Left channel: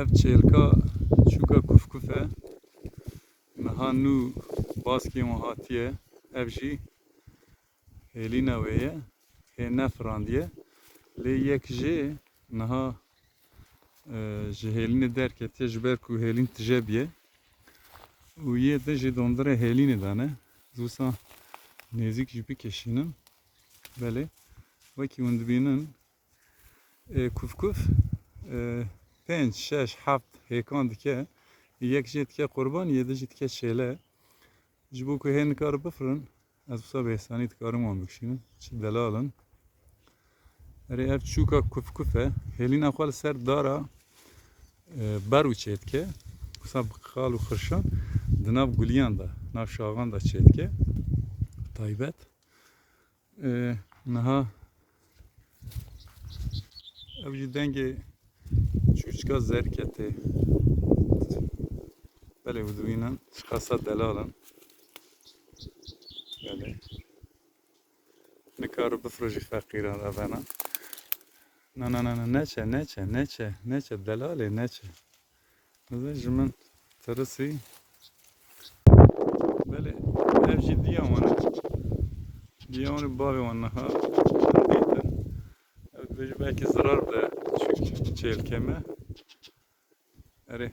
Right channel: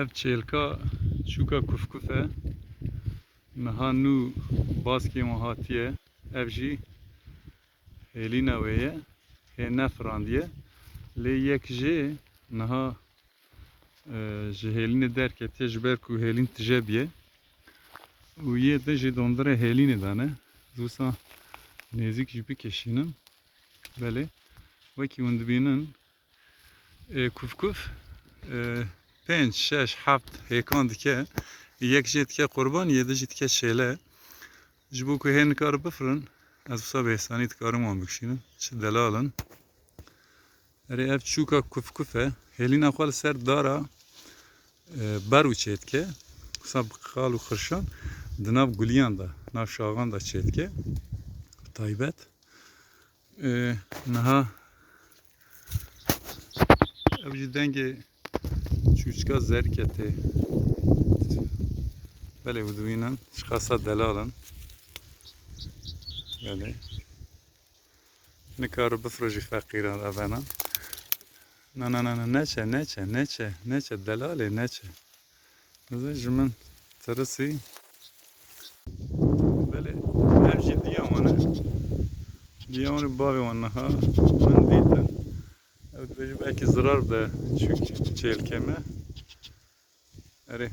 ev çêlka çûka kufkuf e niha nû baskê wan hatiye ev jî hêlîna wê ye hê nefirandiye lê yek jê niha ji hêlînê derketiye ji ber ku hêlîn tije biye û yê de jê dondirê hêlînê dane wisa nêzik jî bikeşînim belê wekî hûn dibînin kufkuf 5 6 7 hêkan dike yek jê dike qurban yê de jî dike şêle ji bo ku hê nikare bifirin ez wisa bi êsanî dikarim wan bikişînim çi delal in erê ev çûka kufkuf e hêlîna xwe li ser dara ber û çê dike wisa bi qal û xirşan di nav guliyan da nav şaxan da çê dike taybet niha ev jî dengê çûçka zerketê belê dibînin ji qasa delal in belê nikare bifire jî feqîran evenan na neçe delalê neçe ji min tirisî belê ev jî diya wan e diya wan ê bavê wan niha çend dîtin ev dibêje belkî zirar bide çêlkê me erê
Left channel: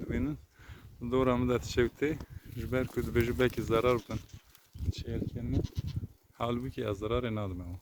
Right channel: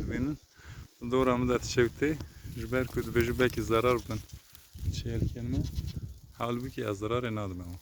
dibînin dora min de tişewtê ji ber ku dibêje belkî zarar bidin çêlkên me halbûkî ez zirarê nadim wan